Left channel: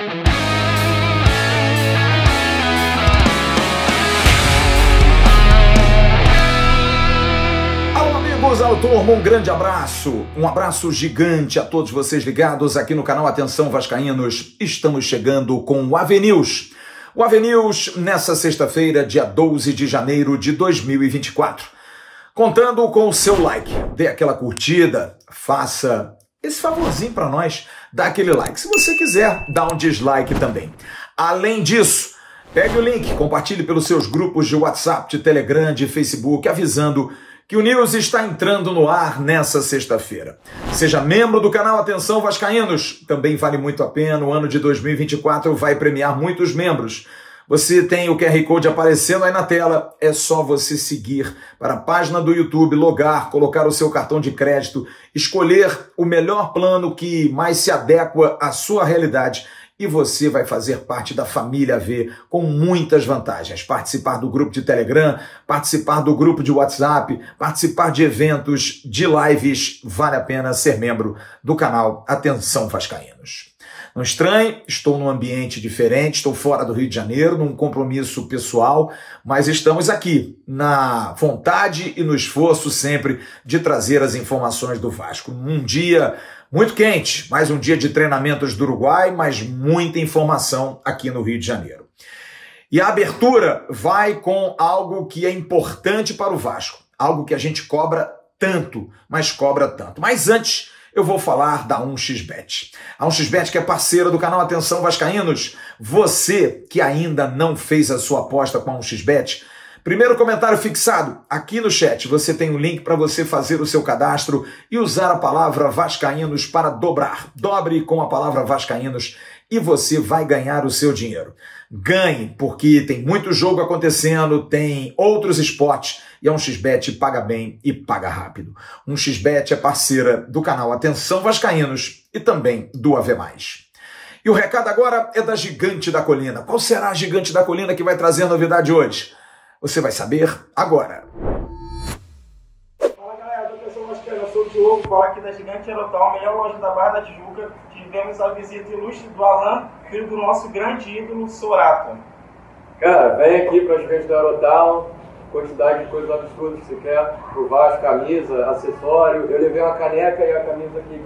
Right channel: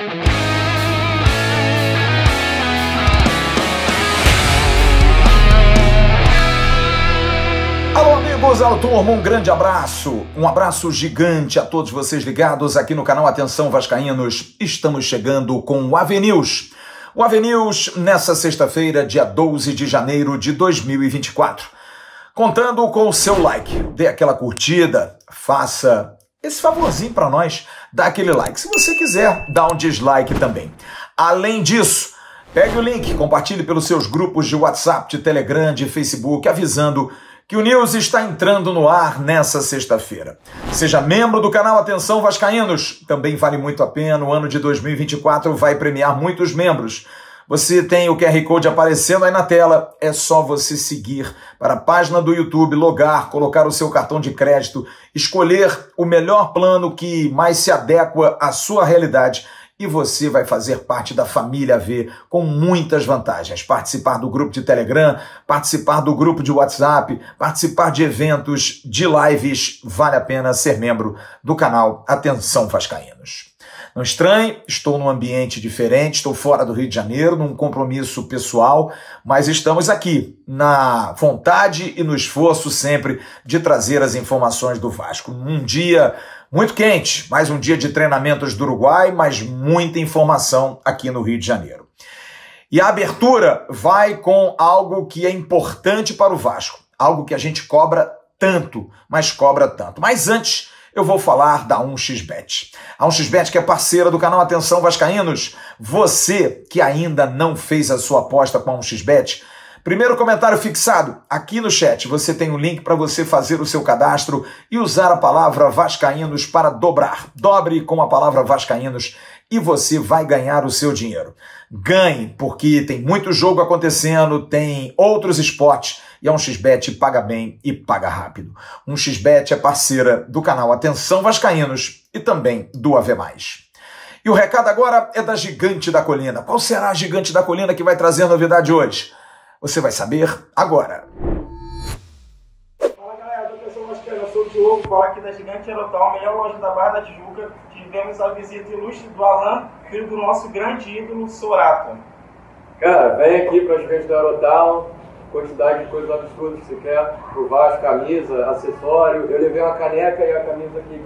Alô, turma, um grande abraço, um abraço gigante a todos vocês ligados aqui no canal Atenção Vascaínos. Estamos chegando com o AV News. O AV News nessa sexta-feira, dia 12 de janeiro de 2024. Contando com o seu like, dê aquela curtida, faça esse favorzinho para nós, dá aquele like. Se você quiser, dá um dislike também. Além disso, pegue o link, compartilhe pelos seus grupos de WhatsApp, de Telegram, de Facebook, avisando que o News está entrando no ar nessa sexta-feira. Seja membro do canal Atenção Vascaínos, também vale muito a pena, o ano de 2024 vai premiar muitos membros. Você tem o QR Code aparecendo aí na tela, é só você seguir para a página do YouTube, logar, colocar o seu cartão de crédito, escolher o melhor plano que mais se adequa à sua realidade e você vai fazer parte da família AV com muitas vantagens. Participar do grupo de Telegram, participar do grupo de WhatsApp, participar de eventos, de lives, vale a pena ser membro do canal Atenção Vascaínos. Não estranhe, estou num ambiente diferente, estou fora do Rio de Janeiro, num compromisso pessoal, mas estamos aqui na vontade e no esforço sempre de trazer as informações do Vasco. Um dia muito quente, mais um dia de treinamentos do Uruguai, mas muita informação aqui no Rio de Janeiro. E a abertura vai com algo que é importante para o Vasco, algo que a gente cobra tanto, mas cobra tanto. Mas antes, eu vou falar da 1xBet. A 1xBet que é parceira do canal Atenção Vascaínos. Você que ainda não fez a sua aposta com a 1xBet, primeiro comentário fixado aqui no chat, você tem um link para você fazer o seu cadastro e usar a palavra Vascaínos para dobrar. Dobre com a palavra Vascaínos e você vai ganhar o seu dinheiro. Ganhe, porque tem muito jogo acontecendo, tem outros esportes e a 1xBet paga bem e paga rápido. 1xBet é parceira do canal Atenção Vascaínos e também do AV+. E o recado agora é da Gigante da Colina. Qual será a Gigante da Colina que vai trazer a novidade hoje? Você vai saber agora. Fala galera, eu sou o Diogo, falo aqui da Gigante Aerotal, melhor loja da Barra da Tijuca. Tivemos a visita ilustre do Alan, filho do nosso grande ídolo, Sorata. Cara, vem aqui pra Gigante da Aerotal, quantidade de coisas absurdas que você quer, pro Vasco, camisa, acessório. Eu levei uma caneca e a camisa aqui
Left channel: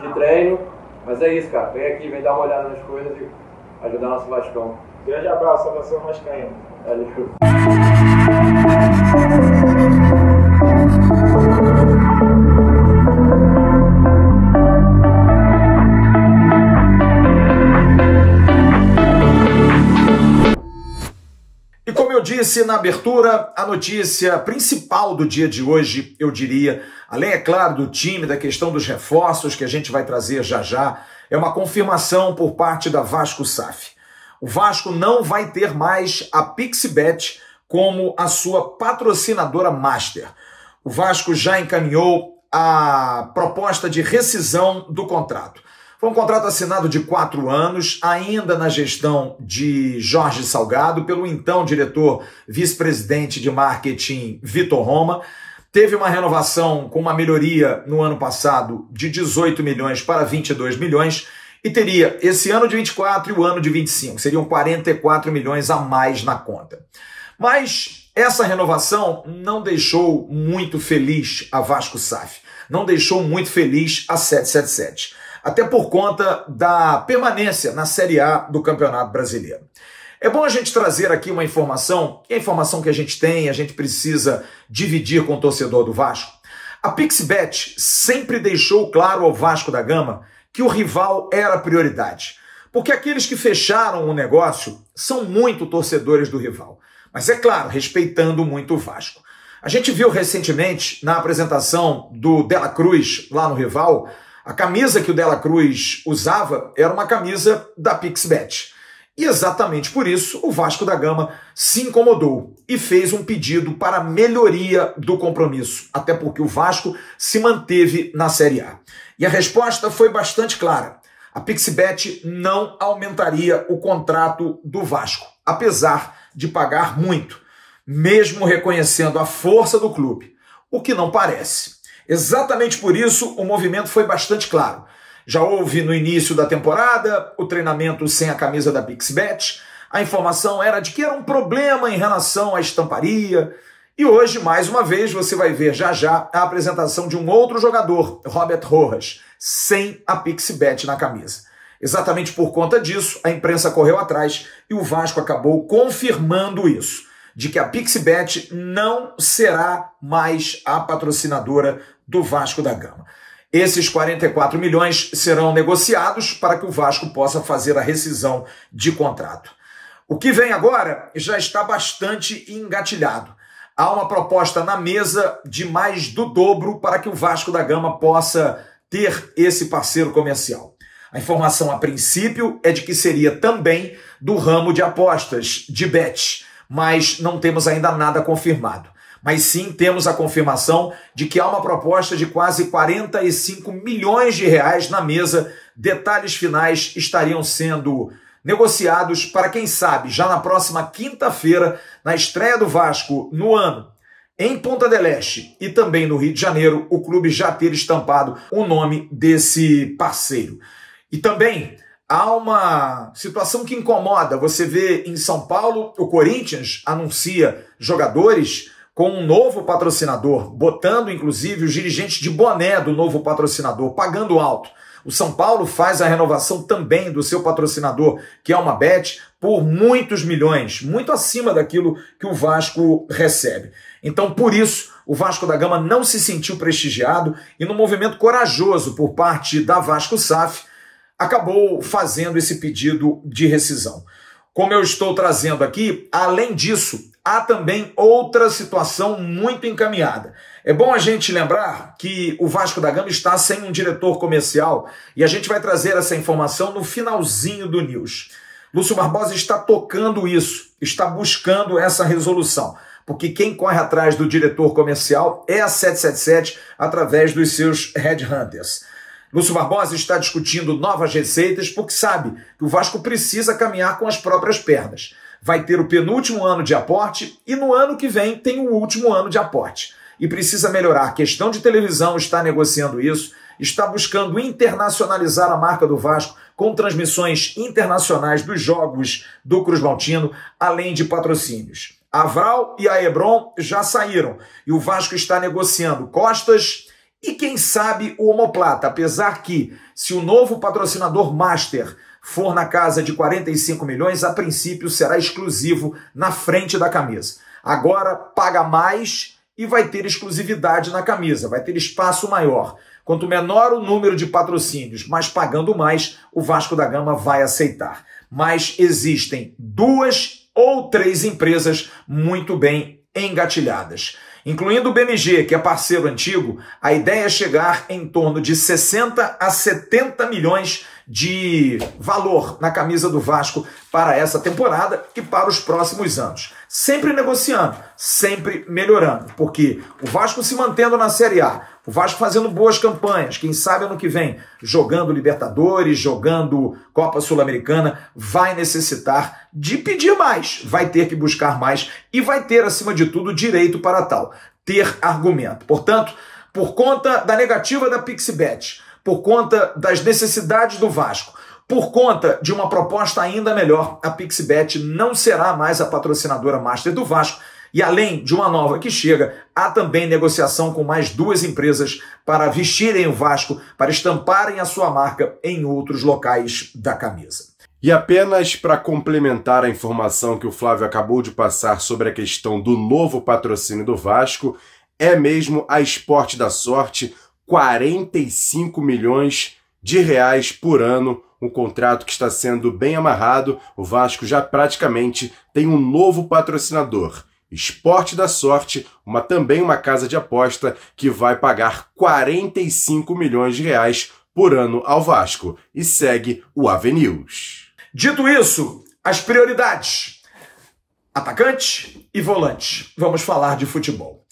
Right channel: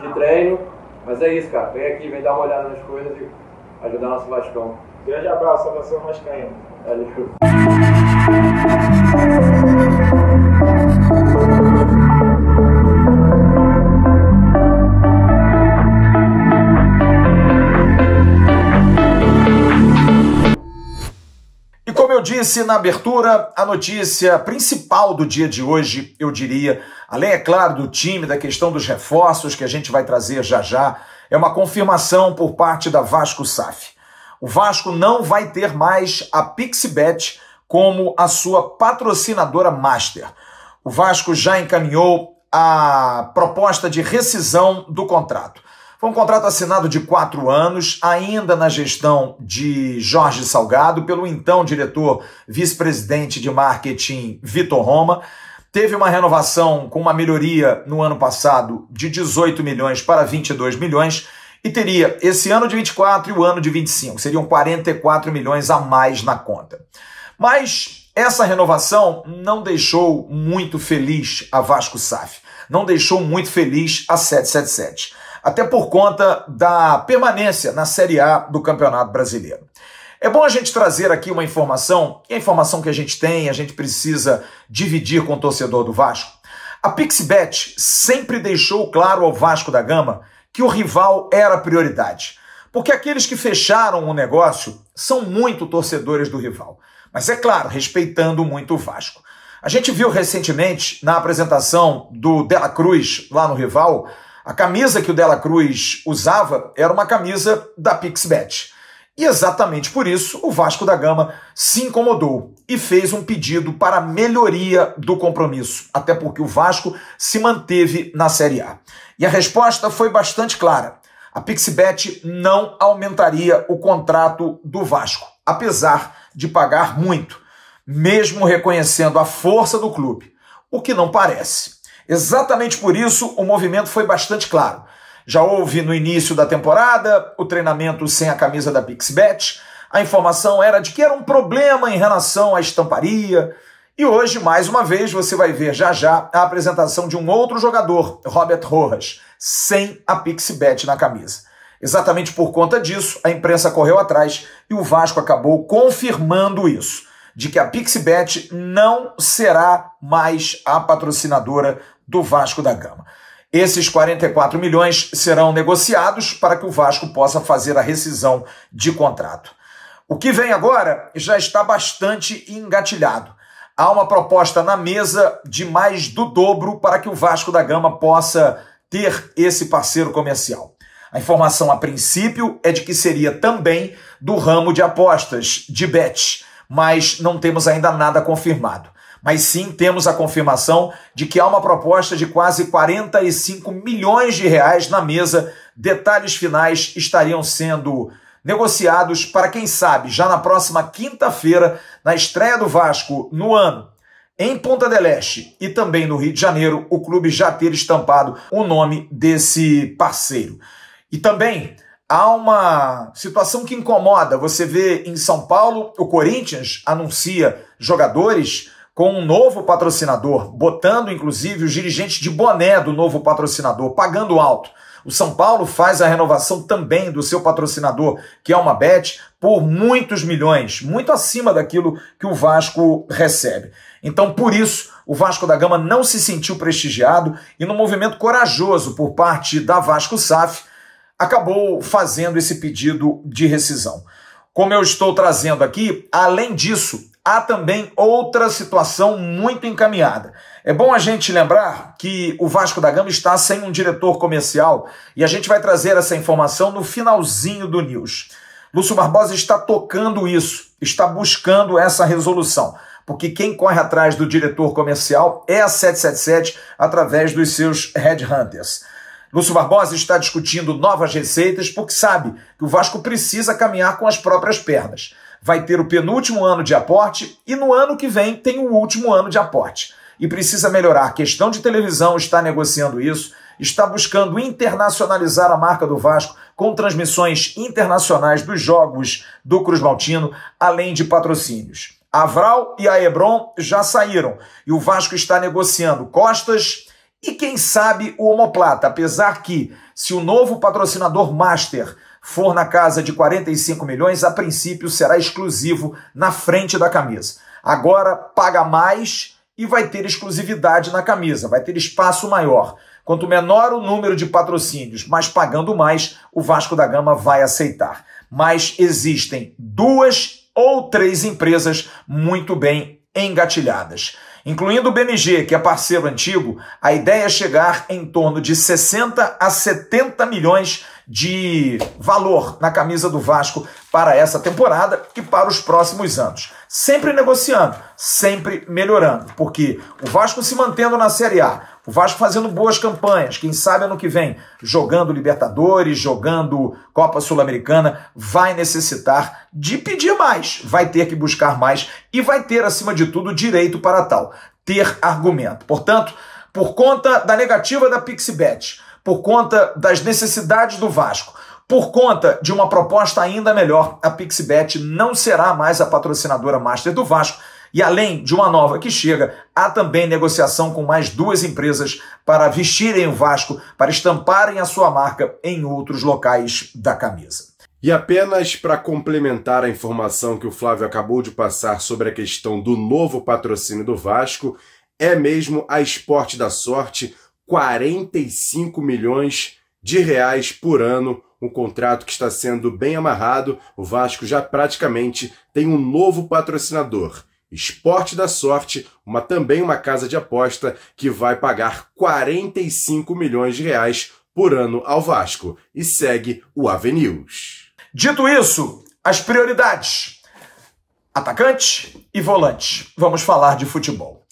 de treino, mas é isso, cara, vem aqui, vem dar uma olhada nas coisas e ajudar nosso Vascão. Grande abraço, saudação vascaína. Valeu. E como eu disse na abertura, a notícia principal do dia de hoje, eu diria, além, é claro, do time, da questão dos reforços que a gente vai trazer já já, é uma confirmação por parte da Vasco SAF. O Vasco não vai ter mais a PixBet como a sua patrocinadora master. O Vasco já encaminhou a proposta de rescisão do contrato. Foi um contrato assinado de 4 anos, ainda na gestão de Jorge Salgado, pelo então diretor vice-presidente de marketing Vitor Roma. Teve uma renovação com uma melhoria no ano passado de 18 milhões para 22 milhões e teria esse ano de 24 e o ano de 25. Seriam 44 milhões a mais na conta. Mas essa renovação não deixou muito feliz a Vasco SAF. Não deixou muito feliz a 777. Até por conta da permanência na Série A do Campeonato Brasileiro. É bom a gente trazer aqui uma informação, que é a informação que a gente tem, a gente precisa dividir com o torcedor do Vasco. A PixBet sempre deixou claro ao Vasco da Gama que o rival era a prioridade. Porque aqueles que fecharam o negócio são muito torcedores do rival. Mas é claro, respeitando muito o Vasco. A gente viu recentemente, na apresentação do Dela Cruz lá no rival, a camisa que o Dela Cruz usava era uma camisa da PixBet. E exatamente por isso o Vasco da Gama se incomodou e fez um pedido para a melhoria do compromisso, até porque o Vasco se manteve na Série A. E a resposta foi bastante clara. A PixBet não aumentaria o contrato do Vasco, apesar de pagar muito, mesmo reconhecendo a força do clube, o que não parece. Exatamente por isso o movimento foi bastante claro. Já houve no início da temporada o treinamento sem a camisa da Pixbet. A informação era de que era um problema em relação à estamparia. E hoje, mais uma vez, você vai ver já já a apresentação de um outro jogador, Robert Rojas, sem a Pixbet na camisa. Exatamente por conta disso, a imprensa correu atrás e o Vasco acabou confirmando isso, de que a Pixbet não será mais a patrocinadora do Vasco da Gama. Esses 44 milhões serão negociados para que o Vasco possa fazer a rescisão de contrato. O que vem agora já está bastante engatilhado. Há uma proposta na mesa de mais do dobro para que o Vasco da Gama possa ter esse parceiro comercial. A informação, a princípio, é de que seria também do ramo de apostas, de bet, mas não temos ainda nada confirmado. Mas sim temos a confirmação de que há uma proposta de quase 45 milhões de reais na mesa. Detalhes finais estariam sendo negociados para, quem sabe, já na próxima quinta-feira, na estreia do Vasco no ano, em Punta del Este e também no Rio de Janeiro, o clube já ter estampado o nome desse parceiro. E também há uma situação que incomoda. Você vê em São Paulo, o Corinthians anuncia jogadores com um novo patrocinador, botando inclusive os dirigentes de boné do novo patrocinador, pagando alto. O São Paulo faz a renovação também do seu patrocinador, que é uma Bet, por muitos milhões, muito acima daquilo que o Vasco recebe. Então, por isso, o Vasco da Gama não se sentiu prestigiado e, no movimento corajoso por parte da Vasco SAF, acabou fazendo esse pedido de rescisão. Como eu estou trazendo aqui, além disso, há também outra situação muito encaminhada. É bom a gente lembrar que o Vasco da Gama está sem um diretor comercial e a gente vai trazer essa informação no finalzinho do News. Lúcio Barbosa está tocando isso, está buscando essa resolução, porque quem corre atrás do diretor comercial é a 777 através dos seus headhunters. Lúcio Barbosa está discutindo novas receitas porque sabe que o Vasco precisa caminhar com as próprias pernas. Vai ter o penúltimo ano de aporte e no ano que vem tem o último ano de aporte. E precisa melhorar a questão de televisão, está negociando isso, está buscando internacionalizar a marca do Vasco com transmissões internacionais dos jogos do Cruz Maltino, além de patrocínios. A Vral e a Hebron já saíram e o Vasco está negociando Costas e, quem sabe, o Omoplata, apesar que, se o novo patrocinador master for na casa de 45 milhões, a princípio será exclusivo na frente da camisa. Agora paga mais e vai ter exclusividade na camisa, vai ter espaço maior. Quanto menor o número de patrocínios, mas pagando mais, o Vasco da Gama vai aceitar. Mas existem 2 ou 3 empresas muito bem engatilhadas. Incluindo o BMG, que é parceiro antigo, a ideia é chegar em torno de 60 a 70 milhões de valor na camisa do Vasco para essa temporada e para os próximos anos. Sempre negociando, sempre melhorando, porque o Vasco se mantendo na Série A, o Vasco fazendo boas campanhas, quem sabe ano que vem, jogando Libertadores, jogando Copa Sul-Americana, vai necessitar de pedir mais, vai ter que buscar mais e vai ter, acima de tudo, direito para tal, ter argumento. Portanto, por conta da negativa da Pixbet, por conta das necessidades do Vasco, por conta de uma proposta ainda melhor, a Pixbet não será mais a patrocinadora master do Vasco. E além de uma nova que chega, há também negociação com mais 2 empresas para vestirem o Vasco, para estamparem a sua marca em outros locais da camisa. E apenas para complementar a informação que o Flávio acabou de passar sobre a questão do novo patrocínio do Vasco, é mesmo a Esporte da Sorte, 45 milhões de reais por ano, um contrato que está sendo bem amarrado. O Vasco já praticamente tem um novo patrocinador, Esporte da Sorte, também uma casa de aposta que vai pagar 45 milhões de reais por ano ao Vasco. E segue o AVNews. Dito isso, as prioridades: atacante e volante. Vamos falar de futebol.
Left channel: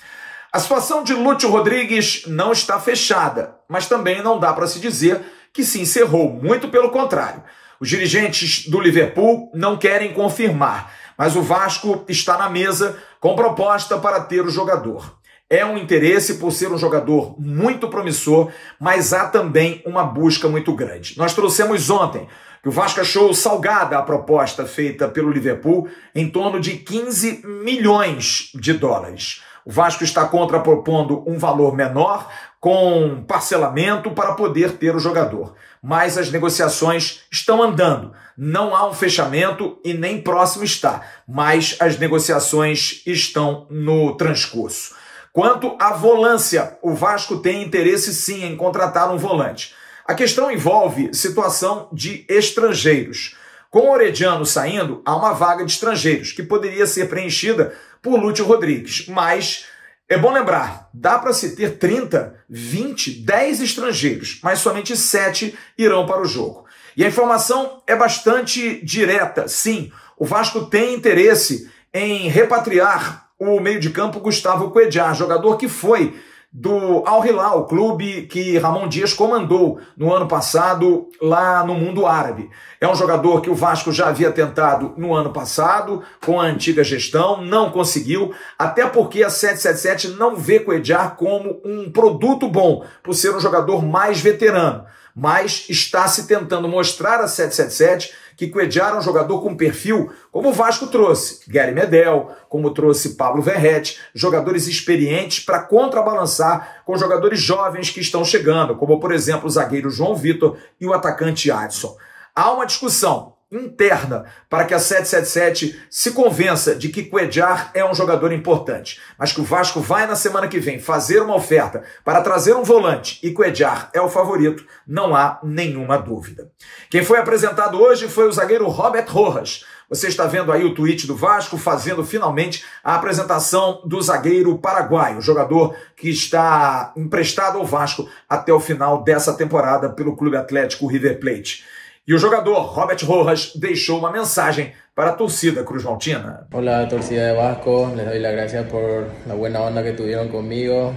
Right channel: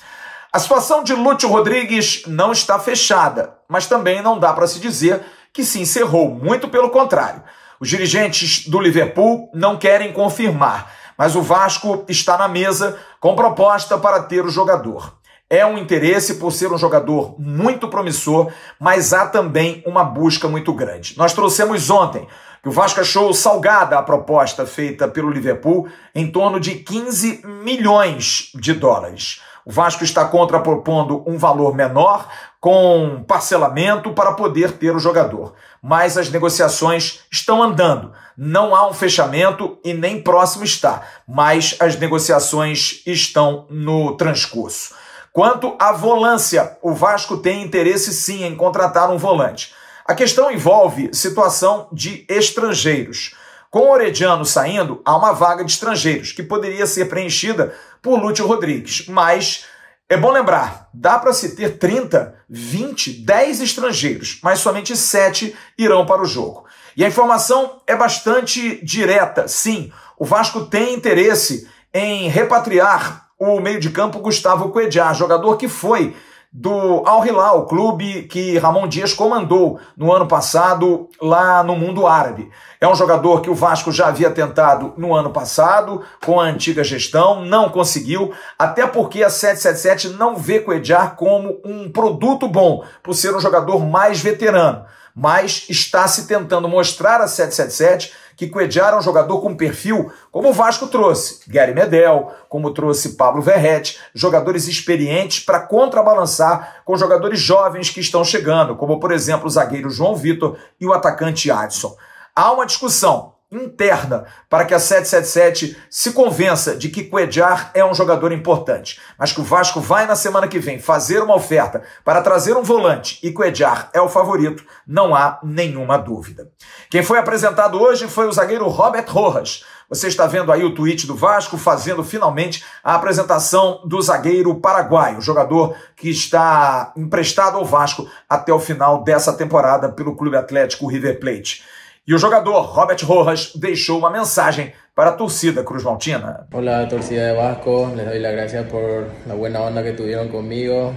A situação de Lúcio Rodrigues não está fechada, mas também não dá para se dizer que se encerrou, muito pelo contrário. Os dirigentes do Liverpool não querem confirmar, mas o Vasco está na mesa com proposta para ter o jogador. É um interesse por ser um jogador muito promissor, mas há também uma busca muito grande. Nós trouxemos ontem que o Vasco achou salgada a proposta feita pelo Liverpool em torno de 15 milhões de dólares. O Vasco está contrapropondo um valor menor, com parcelamento para poder ter o jogador. Mas as negociações estão andando. Não há um fechamento e nem próximo está, mas as negociações estão no transcurso. Quanto à volância, o Vasco tem interesse sim em contratar um volante. A questão envolve situação de estrangeiros. Com o Orediano saindo, há uma vaga de estrangeiros, que poderia ser preenchida por Lúcio Rodrigues. Mas é bom lembrar, dá para se ter 30, 20, 10 estrangeiros, mas somente 7 irão para o jogo. E a informação é bastante direta. Sim, o Vasco tem interesse em repatriar o meio de campo Gustavo Cuéllar, jogador que foi do Al Hilal, clube que Ramon Dias comandou no ano passado lá no mundo árabe. É um jogador que o Vasco já havia tentado no ano passado, com a antiga gestão, não conseguiu, até porque a 777 não vê Cuéllar como um produto bom, por ser um jogador mais veterano. Mas está se tentando mostrar a 777 que Cuéllar é um jogador com perfil, como o Vasco trouxe Gary Medel, como trouxe Pablo Verrete, jogadores experientes para contrabalançar com jogadores jovens que estão chegando, como, por exemplo, o zagueiro João Vitor e o atacante Adson. Há uma discussão interna para que a 777 se convença de que Cuéllar é um jogador importante, mas que o Vasco vai na semana que vem fazer uma oferta para trazer um volante e Cuéllar é o favorito, não há nenhuma dúvida. Quem foi apresentado hoje foi o zagueiro Robert Rojas. Você está vendo aí o tweet do Vasco fazendo finalmente a apresentação do zagueiro paraguaio, jogador que está emprestado ao Vasco até o final dessa temporada pelo Clube Atlético River Plate. E o jogador Robert Rojas deixou uma mensagem para a torcida cruzmaltina. Olá, torcida de Vasco, les doy las gracias por la buena onda que tuvieron conmigo.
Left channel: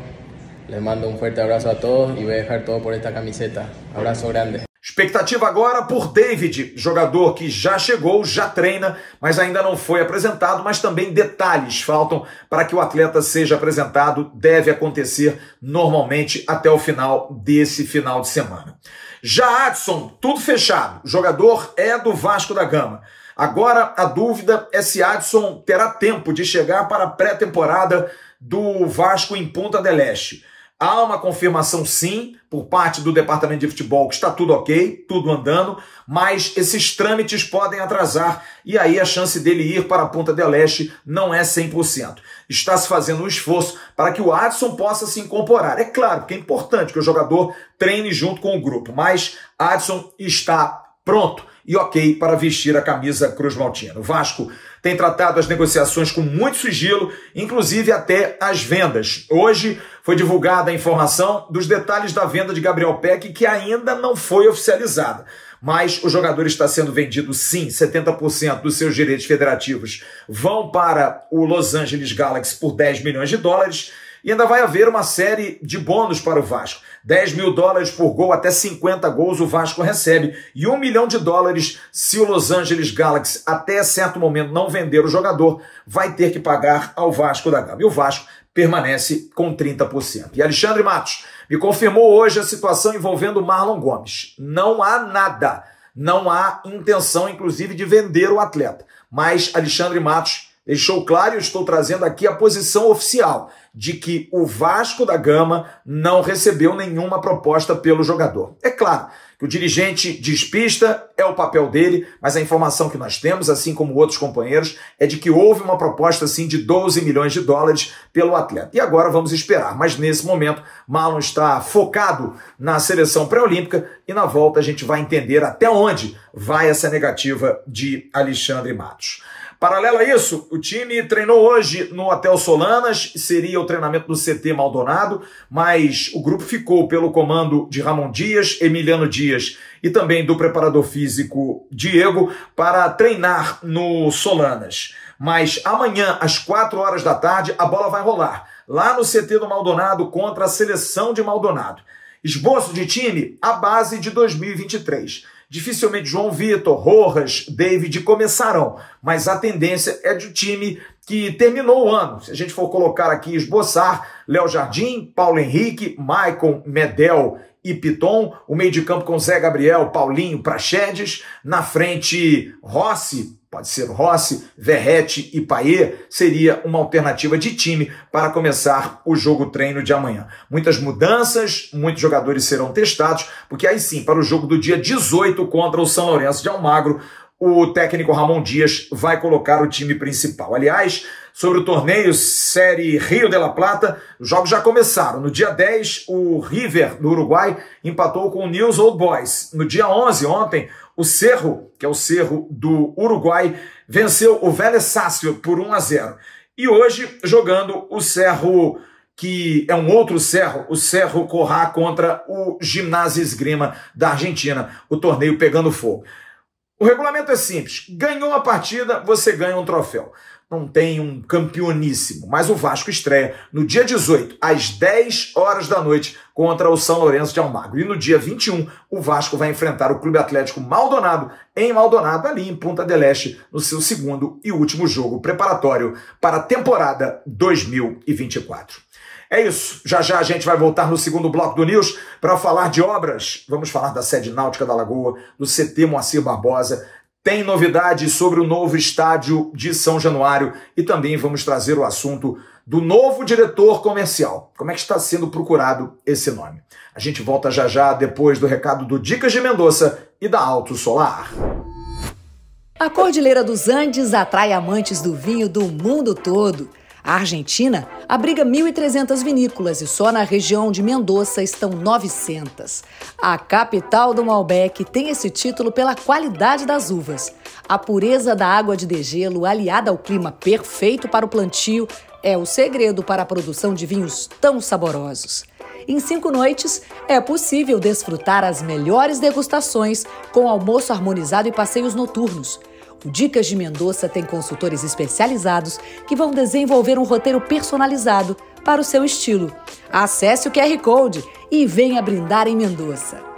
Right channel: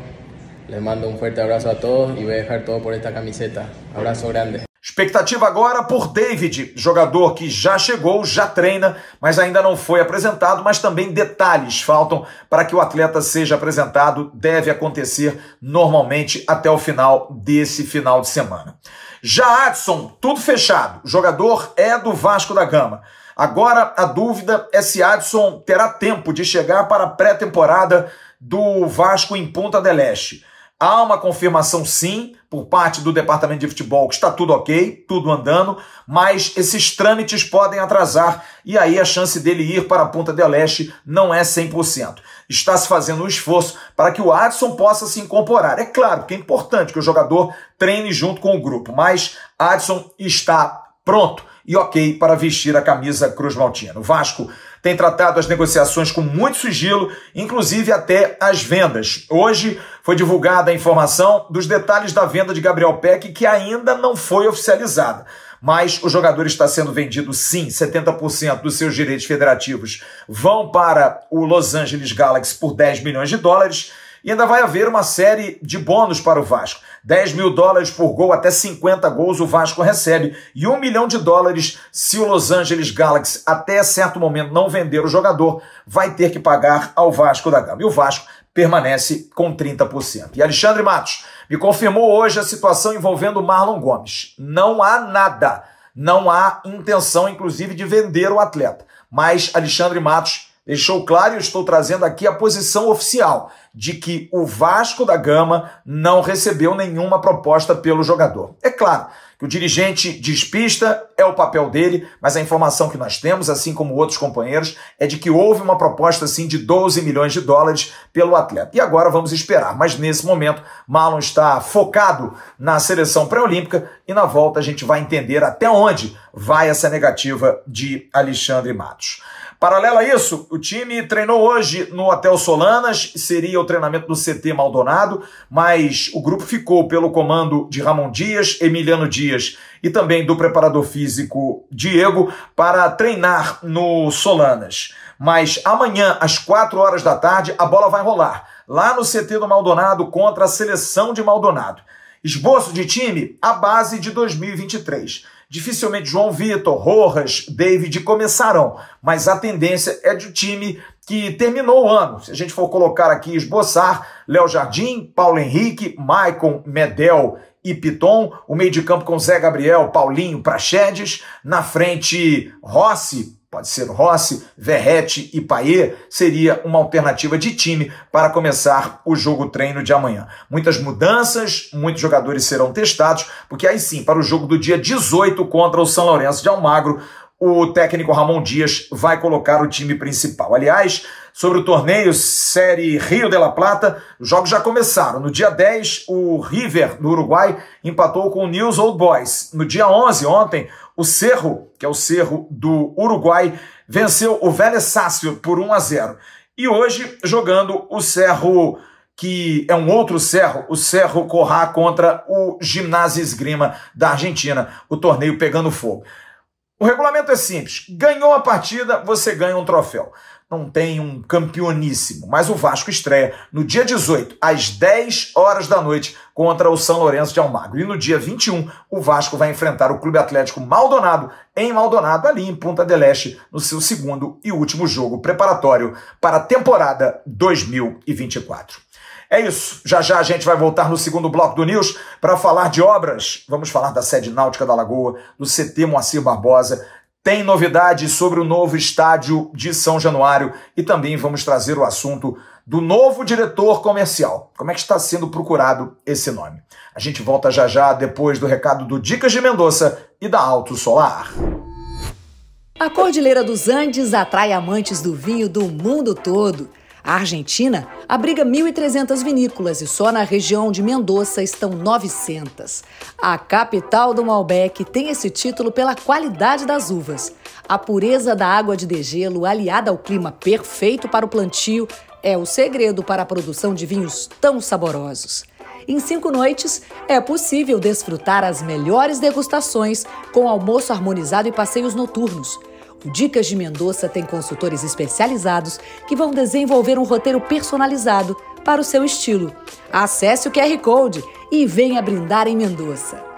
Les mando un fuerte abrazo a todos y voy a dejar todo por esta camiseta. Abraço grande. Expectativa agora por David, jogador que já chegou, já treina, mas ainda não foi apresentado, mas também detalhes faltam para que o atleta seja apresentado, deve acontecer normalmente até o final desse final de semana. Já Adson, tudo fechado, o jogador é do Vasco da Gama. Agora a dúvida é se Adson terá tempo de chegar para a pré-temporada do Vasco em Punta del Este. Há uma confirmação sim, por parte do departamento de futebol, que está tudo ok, tudo andando, mas esses trâmites podem atrasar e aí a chance dele ir para a Punta del Este não é 100%. Está se fazendo um esforço para que o Adson possa se incorporar. É claro que é importante que o jogador treine junto com o grupo, mas Adson está pronto e ok para vestir a camisa cruzmaltina. O Vasco tem tratado as negociações com muito sigilo, inclusive até as vendas. Hoje foi divulgada a informação dos detalhes da venda de Gabriel Peck, que ainda não foi oficializada. Mas o jogador está sendo vendido sim, 70% dos seus direitos federativos vão para o Los Angeles Galaxy por 10 milhões de dólares e ainda vai haver uma série de bônus para o Vasco. 10 mil dólares por gol, até 50 gols o Vasco recebe. E 1 milhão de dólares se o Los Angeles Galaxy até certo momento não vender o jogador, vai ter que pagar ao Vasco da Gama. E o Vasco permanece com 30%. E Alexandre Matos me confirmou hoje a situação envolvendo Marlon Gomes. Não há nada, não há intenção, inclusive, de vender o atleta. Mas Alexandre Matos deixou claro, e eu estou trazendo aqui a posição oficial, de que o Vasco da Gama não recebeu nenhuma proposta pelo jogador. É claro que o dirigente despista, é o papel dele, mas a informação que nós temos, assim como outros companheiros, é de que houve uma proposta assim de 12 milhões de dólares pelo atleta. E agora vamos esperar, mas nesse momento Marlon está focado na seleção pré-olímpica e na volta a gente vai entender até onde vai essa negativa de Alexandre Matos. Paralelo a isso, o time treinou hoje no Hotel Solanas, seria o treinamento do CT Maldonado, mas o grupo ficou pelo comando de Ramon Dias, Emiliano Dias e também do preparador físico Diego para treinar no Solanas. Mas amanhã, às 4 horas da tarde, a bola vai rolar lá no CT do Maldonado contra a seleção de Maldonado. Esboço de time, a base de 2023. Dificilmente João Vitor, Rojas, David começarão, mas a tendência é de o time que terminou o ano. Se a gente for colocar aqui, esboçar, Léo Jardim, Paulo Henrique, Maicon, Medel e Piton, o meio de campo com Zé Gabriel, Paulinho, Praxedes, na frente Rossi, pode ser Rossi, Verratti e Payet, seria uma alternativa de time para começar o jogo-treino de amanhã. Muitas mudanças, muitos jogadores serão testados, porque aí sim, para o jogo do dia 18 contra o São Lourenço de Almagro, o técnico Ramon Dias vai colocar o time principal. Aliás, sobre o torneio Série Rio de la Plata, os jogos já começaram. No dia 10, o River, do Uruguai, empatou com o News Old Boys. No dia 11, ontem, o Cerro, que é o Cerro do Uruguai, venceu o Vélez Sácio por 1-0. E hoje, jogando o Cerro, que é um outro Cerro, o Cerro Corrá contra o Gimnasia Esgrima da Argentina, o torneio pegando fogo. O regulamento é simples, ganhou a partida, você ganha um troféu. Não tem um campeoníssimo, mas o Vasco estreia no dia 18, às 10 horas da noite, contra o São Lourenço de Almagro. E no dia 21, o Vasco vai enfrentar o Clube Atlético Maldonado, em Maldonado, ali em Punta del Este, no seu segundo e último jogo preparatório para a temporada 2024. É isso, já já a gente vai voltar no segundo bloco do News para falar de obras. Vamos falar da sede náutica da Lagoa, do CT Moacir Barbosa. Tem novidades sobre o novo estádio de São Januário e também vamos trazer o assunto do novo diretor comercial. Como é que está sendo procurado esse nome? A gente volta já já depois do recado do Dicas de Mendonça e da Alto Solar. A Cordilheira dos Andes atrai amantes do vinho do mundo todo. A Argentina abriga 1.300 vinícolas e só na região de Mendoza estão 900. A capital do Malbec tem esse título pela qualidade das uvas. A pureza da água de degelo, aliada ao clima perfeito para o plantio, é o segredo para a produção de vinhos tão saborosos. Em 5 noites, é possível desfrutar as melhores degustações com almoço harmonizado e passeios noturnos. O Dicas de Mendonça tem consultores especializados que vão desenvolver um roteiro personalizado para o seu estilo. Acesse o QR Code e venha brindar em Mendonça.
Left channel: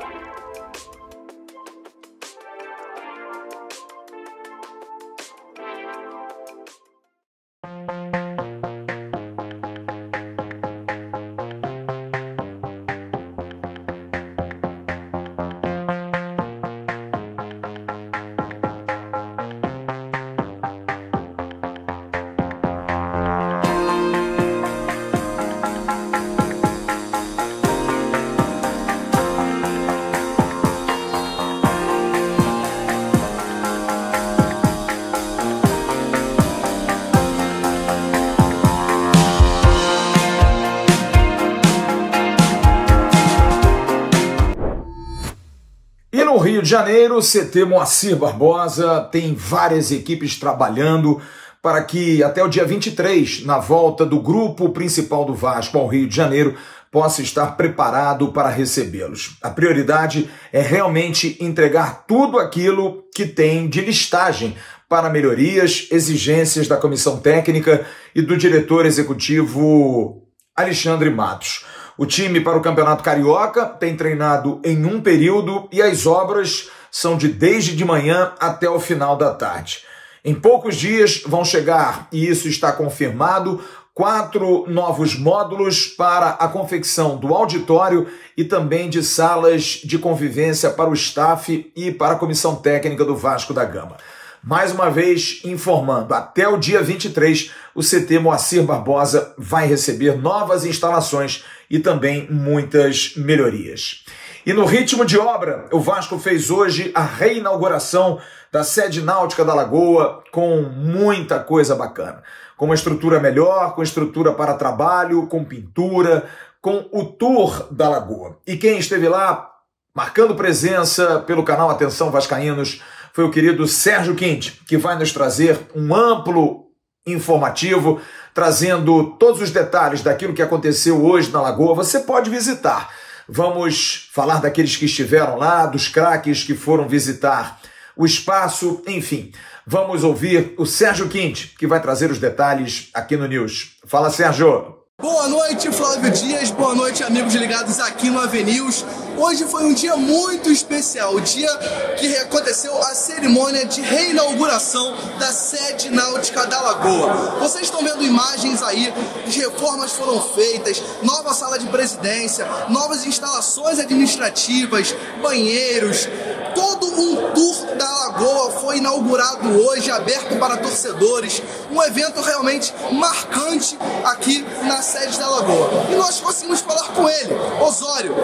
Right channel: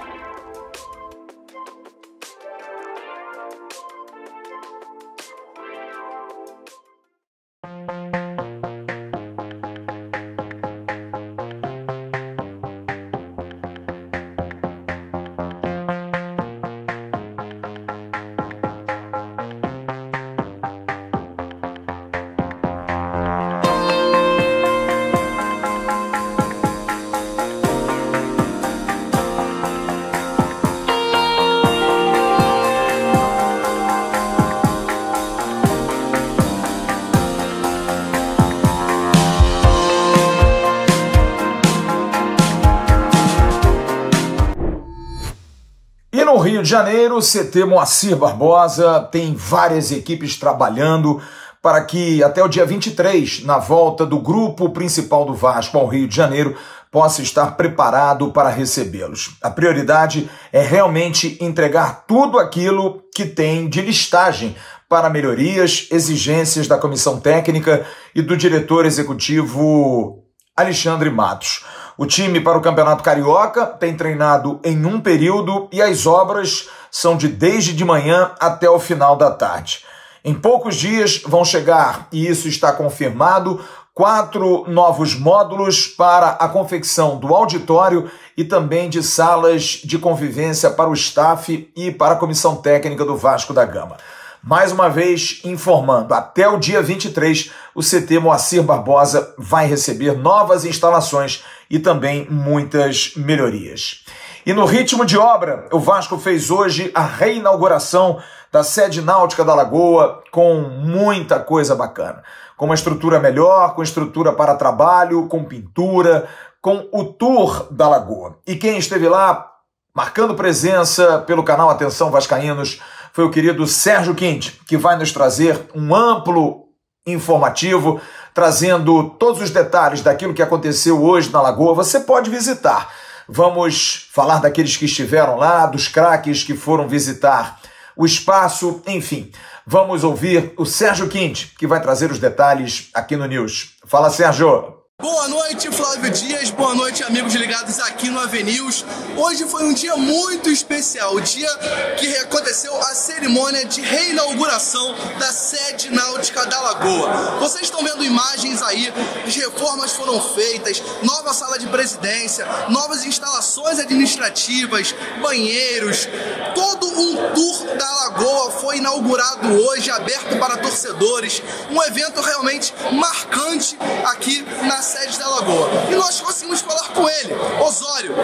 No Rio de Janeiro, o CT Moacir Barbosa tem várias equipes trabalhando para que até o dia 23, na volta do grupo principal do Vasco ao Rio de Janeiro, possa estar preparado para recebê-los. A prioridade é realmente entregar tudo aquilo que tem de listagem para melhorias, exigências da comissão técnica e do diretor executivo Alexandre Matos. O time para o Campeonato Carioca tem treinado em um período e as obras são desde de manhã até o final da tarde. Em poucos dias vão chegar, e isso está confirmado, 4 novos módulos para a confecção do auditório e também de salas de convivência para o staff e para a comissão técnica do Vasco da Gama. Mais uma vez, informando, até o dia 23, o CT Moacir Barbosa vai receber novas instalações e também muitas melhorias. E no ritmo de obra, o Vasco fez hoje a reinauguração da sede náutica da Lagoa com muita coisa bacana. Com uma estrutura melhor, com estrutura para trabalho, com pintura, com o tour da Lagoa. E quem esteve lá, marcando presença pelo canal Atenção Vascaínos, foi o querido Sérgio Quinte, que vai nos trazer um amplo informativo, trazendo todos os detalhes daquilo que aconteceu hoje na Lagoa. Você pode visitar. Vamos falar daqueles que estiveram lá, dos craques que foram visitar o espaço, enfim. Vamos ouvir o Sérgio Quinte, que vai trazer os detalhes aqui no News. Fala, Sérgio! Boa noite, Flávio Dias, boa noite, amigos ligados aqui no AVNews. Hoje foi um dia muito especial, o dia que aconteceu a cerimônia de reinauguração da sede náutica da Lagoa. Vocês estão vendo imagens aí, as reformas foram feitas, nova sala de presidência, novas instalações administrativas, banheiros, todo um tour da Lagoa foi inaugurado hoje, aberto para torcedores, um evento realmente marcante aqui na sede da Lagoa. E nós conseguimos falar com ele, Osório,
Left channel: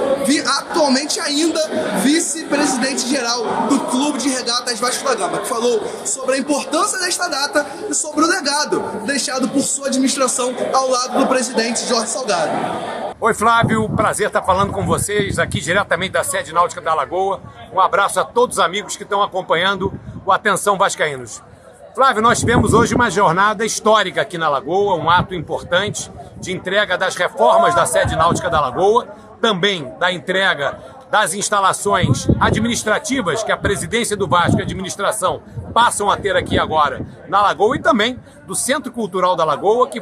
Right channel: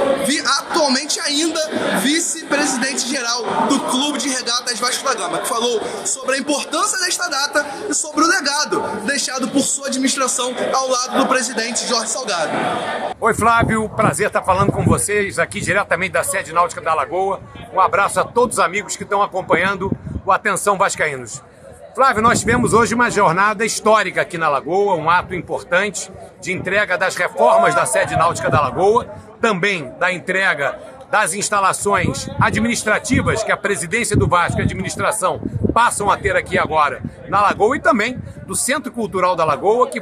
atualmente ainda vice-presidente geral do Clube de Regatas Vasco da Gama, que falou sobre a importância desta data e sobre o legado deixado por sua administração ao lado do presidente Jorge Salgado. Oi, Flávio, prazer estar falando com vocês aqui diretamente da sede náutica da Lagoa. Um abraço a todos os amigos que estão acompanhando o Atenção Vascaínos. Flávio, nós tivemos hoje uma jornada histórica aqui na Lagoa, um ato importante de entrega das reformas da sede náutica da Lagoa, também da entrega das instalações administrativas que a presidência do Vasco e a administração passam a ter aqui agora na Lagoa, e também do Centro Cultural da Lagoa, que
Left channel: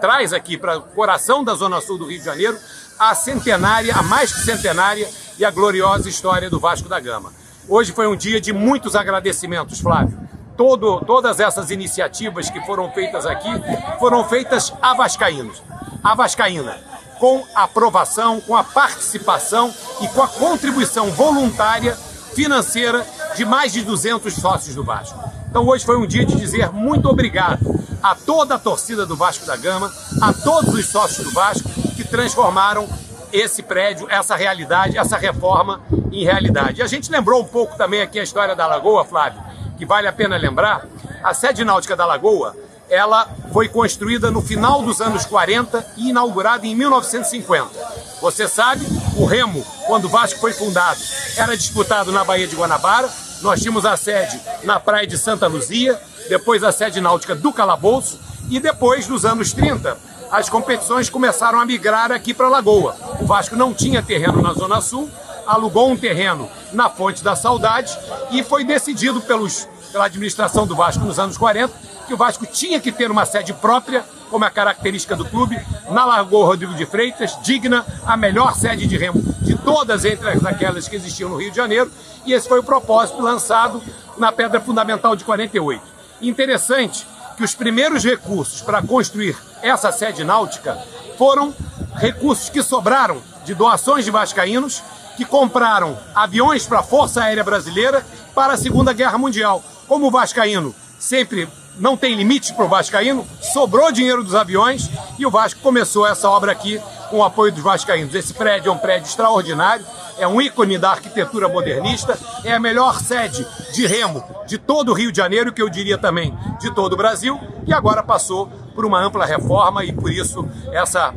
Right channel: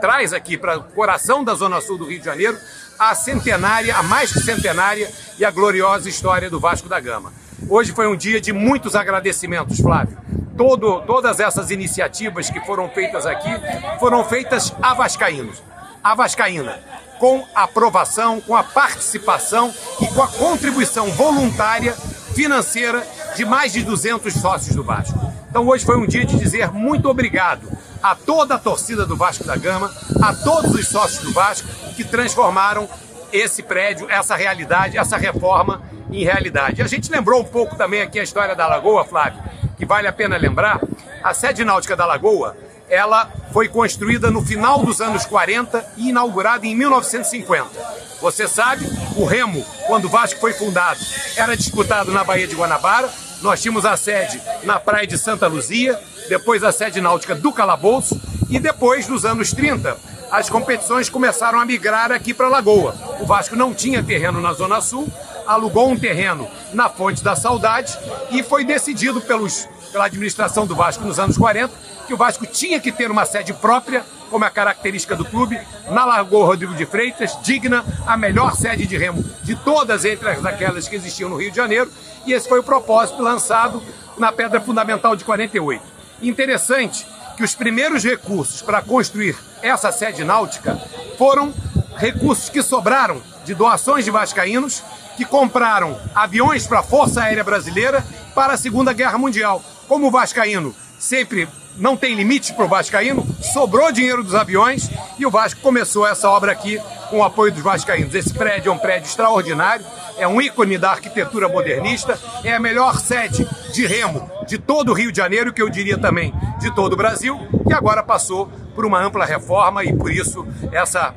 traz aqui para o coração da Zona Sul do Rio de Janeiro a mais que centenária e a gloriosa história do Vasco da Gama. Hoje foi um dia de muitos agradecimentos, Flávio. Todas essas iniciativas que foram feitas aqui foram feitas a vascaínos. A vascaína, com a aprovação, com a participação e com a contribuição voluntária financeira de mais de 200 sócios do Vasco. Então hoje foi um dia de dizer muito obrigado a toda a torcida do Vasco da Gama, a todos os sócios do Vasco que transformaram esse prédio, essa realidade, essa reforma em realidade. A gente lembrou um pouco também aqui a história da Lagoa, Flávio, que vale a pena lembrar. A sede náutica da Lagoa, ela foi construída no final dos anos 40 e inaugurada em 1950. Você sabe, o remo, quando o Vasco foi fundado, era disputado na Baía de Guanabara. Nós tínhamos a sede na Praia de Santa Luzia, depois a sede náutica do Calabouço, e depois, nos anos 30, as competições começaram a migrar aqui para a Lagoa. O Vasco não tinha terreno na Zona Sul, alugou um terreno na Fonte da Saudade e foi decidido pela administração do Vasco nos anos 40 que o Vasco tinha que ter uma sede própria, como é a característica do clube, na Lagoa Rodrigo de Freitas, digna, a melhor sede de remo de todas entre aquelas que existiam no Rio de Janeiro, e esse foi o propósito lançado na Pedra Fundamental de 48. Interessante que os primeiros recursos para construir essa sede náutica foram recursos que sobraram de doações de vascaínos que compraram aviões para a Força Aérea Brasileira para a Segunda Guerra Mundial. Como o vascaíno sempre não tem limite para o vascaíno, sobrou dinheiro dos aviões e o Vasco começou essa obra aqui com o apoio dos vascaínos. Esse prédio é um prédio extraordinário, é um ícone da arquitetura modernista, é a melhor sede de remo de todo o Rio de Janeiro, que eu diria também de todo o Brasil, e agora passou por uma ampla reforma, e por isso essa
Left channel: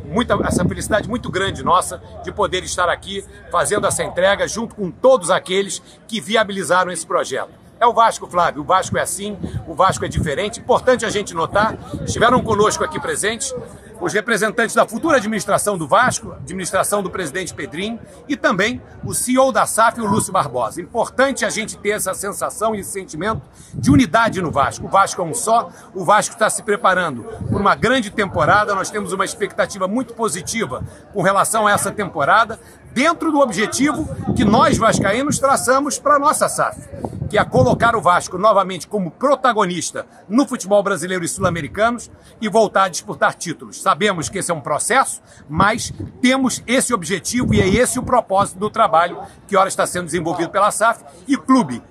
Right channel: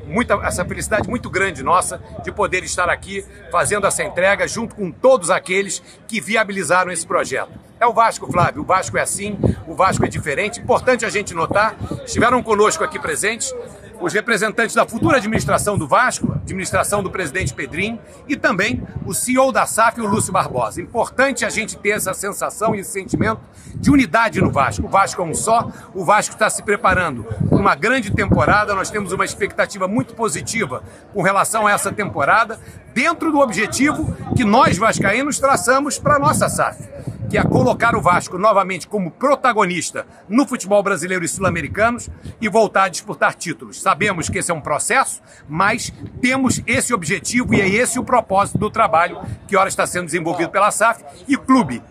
felicidade muito grande nossa de poder estar aqui fazendo essa entrega junto com todos aqueles que viabilizaram esse projeto. É o Vasco, Flávio, o Vasco é assim, o Vasco é diferente. Importante a gente notar, estiveram conosco aqui presentes os representantes da futura administração do Vasco, administração do presidente Pedrinho, e também o CEO da SAF, o Lúcio Barbosa. Importante a gente ter essa sensação e esse sentimento de unidade no Vasco. O Vasco é um só, o Vasco está se preparando por uma grande temporada, nós temos uma expectativa muito positiva com relação a essa temporada, dentro do objetivo que nós vascaínos traçamos para a nossa SAF, que é colocar o Vasco novamente como protagonista no futebol brasileiro e sul-americanos e voltar a disputar títulos. Sabemos que esse é um processo, mas temos esse objetivo e é esse o propósito do trabalho que ora está sendo desenvolvido pela SAF e o clube,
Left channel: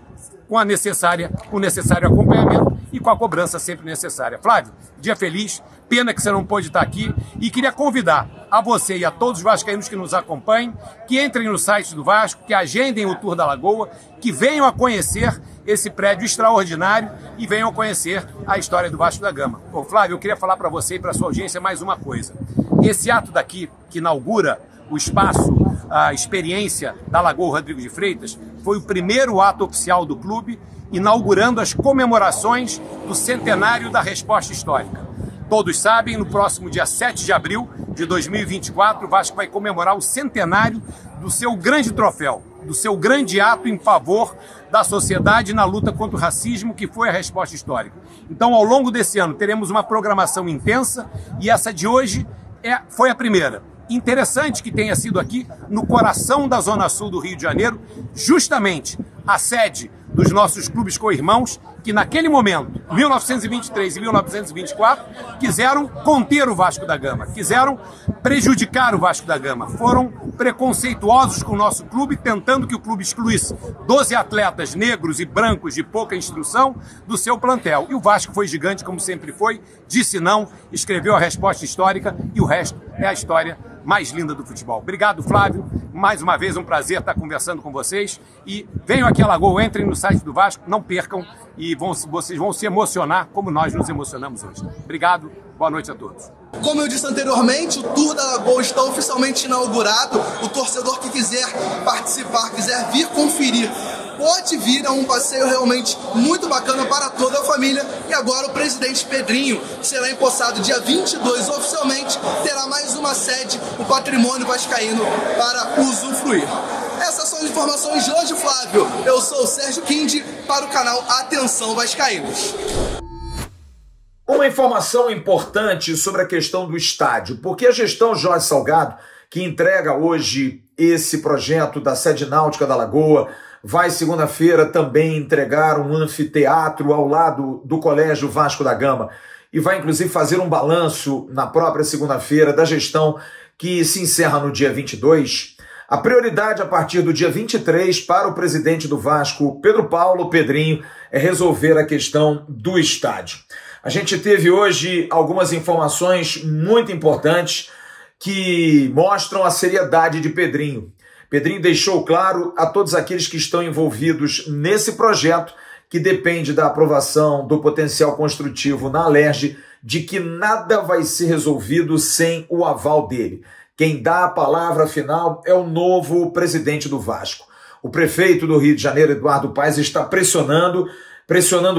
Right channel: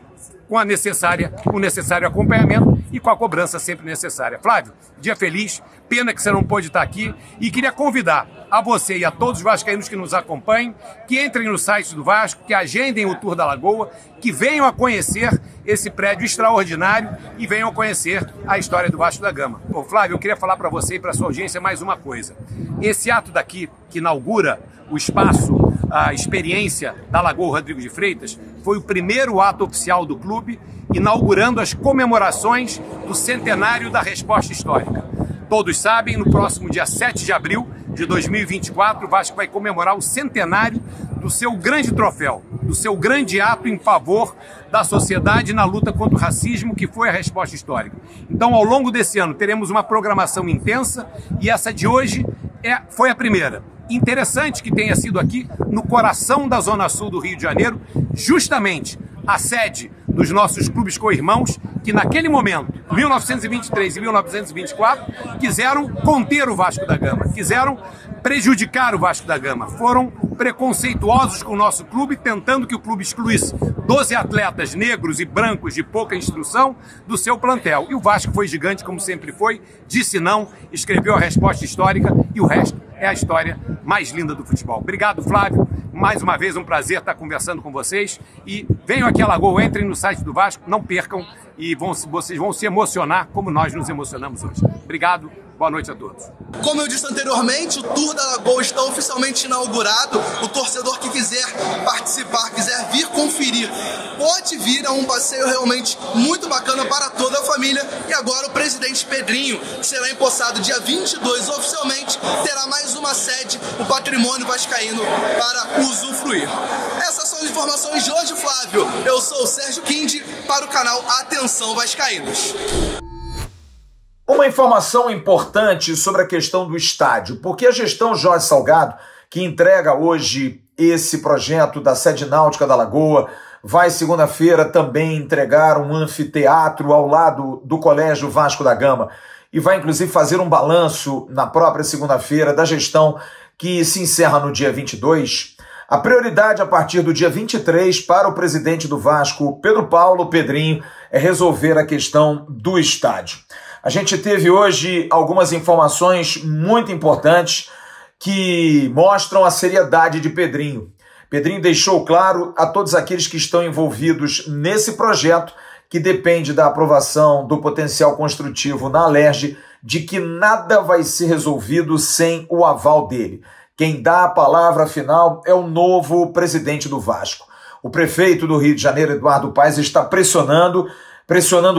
com o necessário acompanhamento e com a cobrança sempre necessária. Flávio, dia feliz, pena que você não pôde estar aqui, e queria convidar a você e a todos os vascaínos que nos acompanhem, que entrem no site do Vasco, que agendem o Tour da Lagoa, que venham a conhecer esse prédio extraordinário e venham a conhecer a história do Vasco da Gama. Ô, Flávio, eu queria falar para você e para a sua audiência mais uma coisa. Esse ato daqui, que inaugura o espaço, a experiência da Lagoa Rodrigo de Freitas, foi o primeiro ato oficial do clube, inaugurando as comemorações do centenário da Resposta Histórica. Todos sabem, no próximo dia 7 de abril de 2024, o Vasco vai comemorar o centenário do seu grande troféu, do seu grande ato em favor da sociedade na luta contra o racismo, que foi a Resposta Histórica. Então, ao longo desse ano, teremos uma programação intensa, e essa de hoje foi a primeira. Interessante que tenha sido aqui no coração da Zona Sul do Rio de Janeiro, justamente a sede dos nossos clubes co-irmãos, que naquele momento, 1923 e 1924, quiseram conter o Vasco da Gama, quiseram prejudicar o Vasco da Gama, foram preconceituosos com o nosso clube, tentando que o clube excluísse 12 atletas negros e brancos de pouca instrução do seu plantel. E o Vasco foi gigante, como sempre foi, disse não, escreveu a resposta histórica e o resto é a história mais linda do futebol. Obrigado, Flávio. Mais uma vez, um prazer estar conversando com vocês. E venham aqui a Lagoa, entrem no site do Vasco, não percam e vocês vão se emocionar como nós nos emocionamos hoje. Obrigado, boa noite a todos. Como eu disse anteriormente, o Tour da Lagoa está oficialmente inaugurado. O torcedor que quiser participar, quiser vir conferir, pode vir. É um passeio realmente muito bacana para toda a família. E agora o presidente Pedrinho será empossado dia 22 oficialmente. Terá mais uma sede, o Patrimônio Vascaíno, para usufruir. Essas são as informações de hoje, Flávio. Eu sou o Sérgio Quindi para o canal Atenção Vascaínos. Uma informação importante sobre a questão do estádio, porque a gestão Jorge Salgado, que entrega hoje esse projeto da sede náutica da Lagoa, vai segunda-feira também entregar um anfiteatro ao lado do Colégio Vasco da Gama e vai inclusive fazer um balanço na própria segunda-feira da gestão que se encerra no dia 22. A prioridade a partir do dia 23 para o presidente do Vasco, Pedro Paulo Pedrinho, é resolver a questão do estádio. A gente teve hoje algumas informações muito importantes que mostram a seriedade de Pedrinho. Pedrinho deixou claro a todos aqueles que estão envolvidos nesse projeto, que depende da aprovação do potencial construtivo na Alerj, de que nada vai ser resolvido sem o aval dele. Quem dá a palavra final é o novo presidente do Vasco. O prefeito do Rio de Janeiro, Eduardo Paes, está pressionando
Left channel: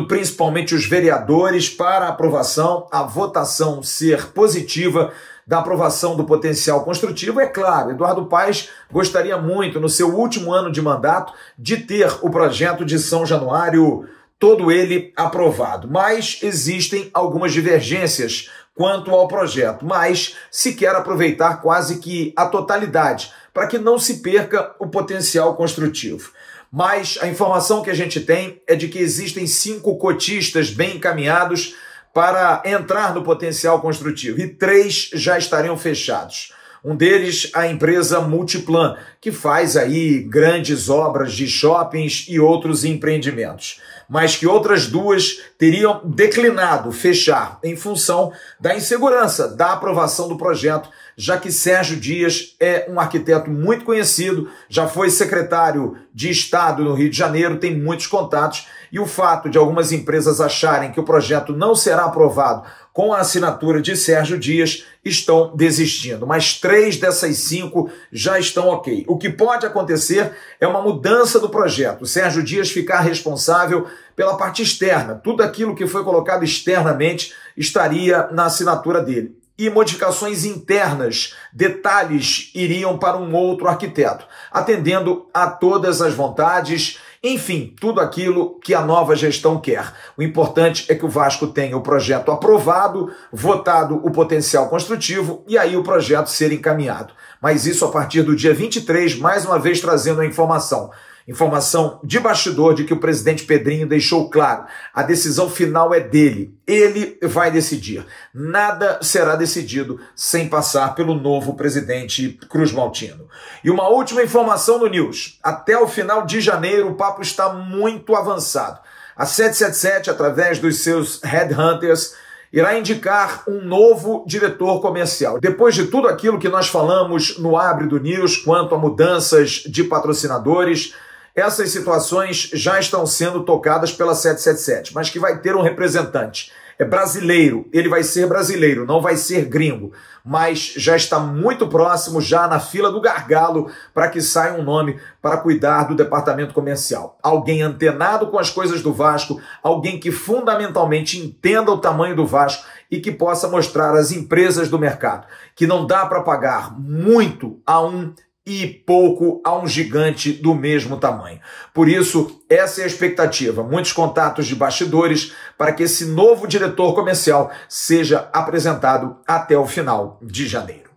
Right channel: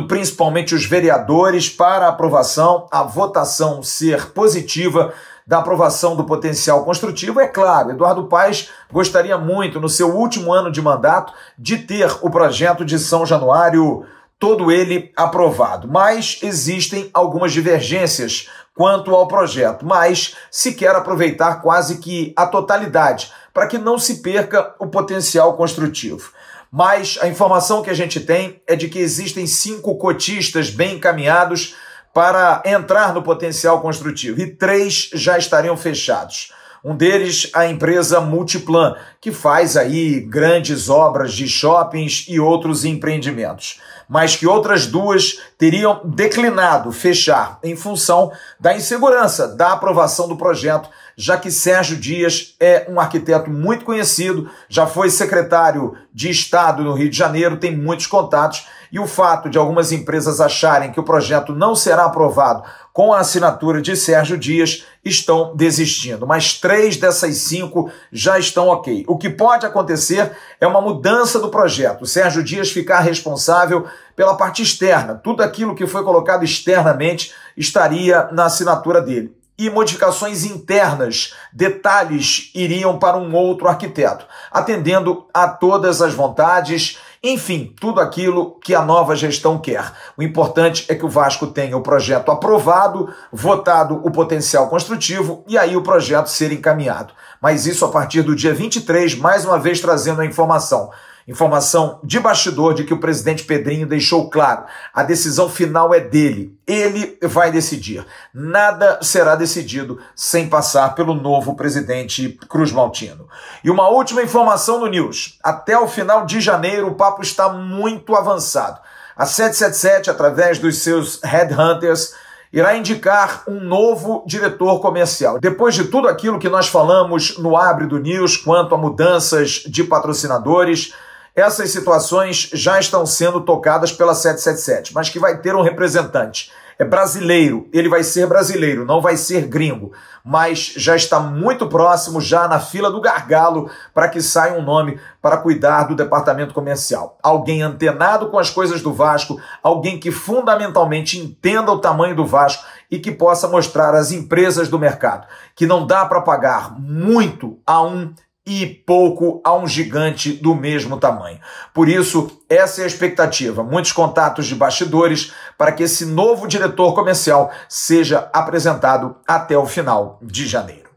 principalmente os vereadores para a aprovação, a votação ser positiva da aprovação do potencial construtivo. É claro, Eduardo Paes gostaria muito, no seu último ano de mandato, de ter o projeto de São Januário, todo ele aprovado. Mas existem algumas divergências quanto ao projeto, mas se quer aproveitar quase que a totalidade, para que não se perca o potencial construtivo. Mas a informação que a gente tem é de que existem 5 cotistas bem encaminhados para entrar no potencial construtivo e 3 já estariam fechados. Um deles, a empresa Multiplan, que faz aí grandes obras de shoppings e outros empreendimentos, mas que outras 2 teriam declinado fechar em função da insegurança da aprovação do projeto, já que Sérgio Dias é um arquiteto muito conhecido, já foi secretário de Estado no Rio de Janeiro, tem muitos contatos, e o fato de algumas empresas acharem que o projeto não será aprovado com a assinatura de Sérgio Dias, estão desistindo. Mas 3 dessas 5 já estão ok. O que pode acontecer é uma mudança do projeto. O Sérgio Dias ficar responsável pela parte externa. Tudo aquilo que foi colocado externamente estaria na assinatura dele. E modificações internas, detalhes iriam para um outro arquiteto, atendendo a todas as vontades, enfim, tudo aquilo que a nova gestão quer. O importante é que o Vasco tenha o projeto aprovado, votado o potencial construtivo e aí o projeto ser encaminhado. Mas isso a partir do dia 23, mais uma vez trazendo a informação. Informação de bastidor de que o presidente Pedrinho deixou claro, a decisão final é dele, ele vai decidir. Nada será decidido sem passar pelo novo presidente Cruz Maltino. E uma última informação no News, até o final de janeiro o papo está muito avançado. A 777, através dos seus headhunters, irá indicar um novo diretor comercial. Depois de tudo aquilo que nós falamos no Abre do News quanto a mudanças de patrocinadores, essas situações já estão sendo tocadas pela 777, mas que vai ter um representante. É brasileiro, ele vai ser brasileiro, não vai ser gringo, mas já está muito próximo, já na fila do gargalo, para que saia um nome para cuidar do departamento comercial. Alguém antenado com as coisas do Vasco, alguém que fundamentalmente entenda o tamanho do Vasco e que possa mostrar às empresas do mercado que não dá para pagar muito a um e pouco a um gigante do mesmo tamanho. Por isso, essa é a expectativa. Muitos contatos de bastidores para que esse novo diretor comercial seja apresentado até o final de janeiro.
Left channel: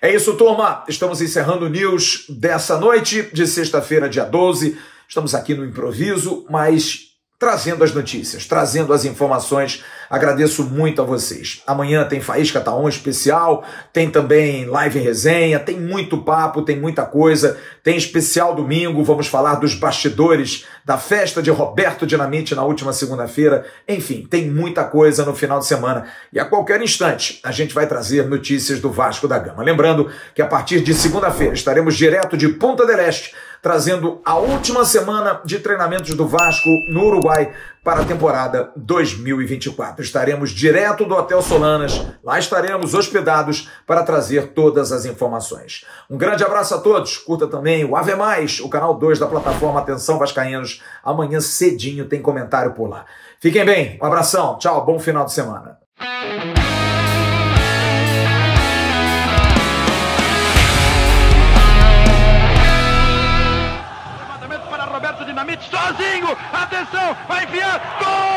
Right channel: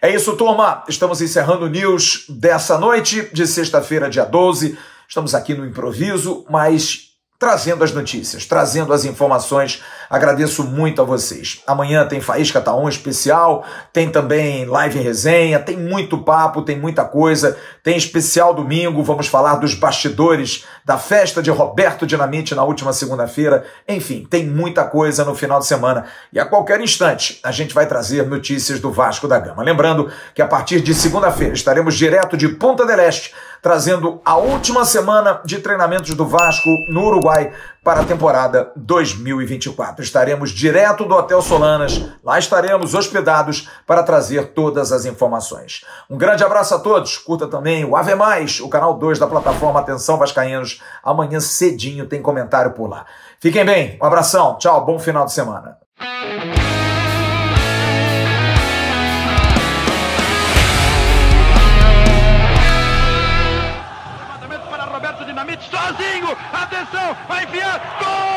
É isso, turma. Estamos encerrando o News dessa noite de sexta-feira, dia 12. Estamos aqui no improviso, mas trazendo as notícias, trazendo as informações. Agradeço muito a vocês. Amanhã tem Faísca Taon especial, tem também live resenha, tem muito papo, tem muita coisa, tem especial domingo, vamos falar dos bastidores da festa de Roberto Dinamite na última segunda-feira. Enfim, tem muita coisa no final de semana e a qualquer instante a gente vai trazer notícias do Vasco da Gama. Lembrando que a partir de segunda-feira estaremos direto de Punta del Este, trazendo a última semana de treinamentos do Vasco no Uruguai para a temporada 2024. Estaremos direto do Hotel Solanas, lá estaremos hospedados para trazer todas as informações. Um grande abraço a todos, curta também o Ave Mais, o canal 2 da plataforma Atenção Vascaínos. Amanhã cedinho tem comentário por lá. Fiquem bem, um abração, tchau, bom final de semana. Sozinho, atenção, vai enfiar, gol!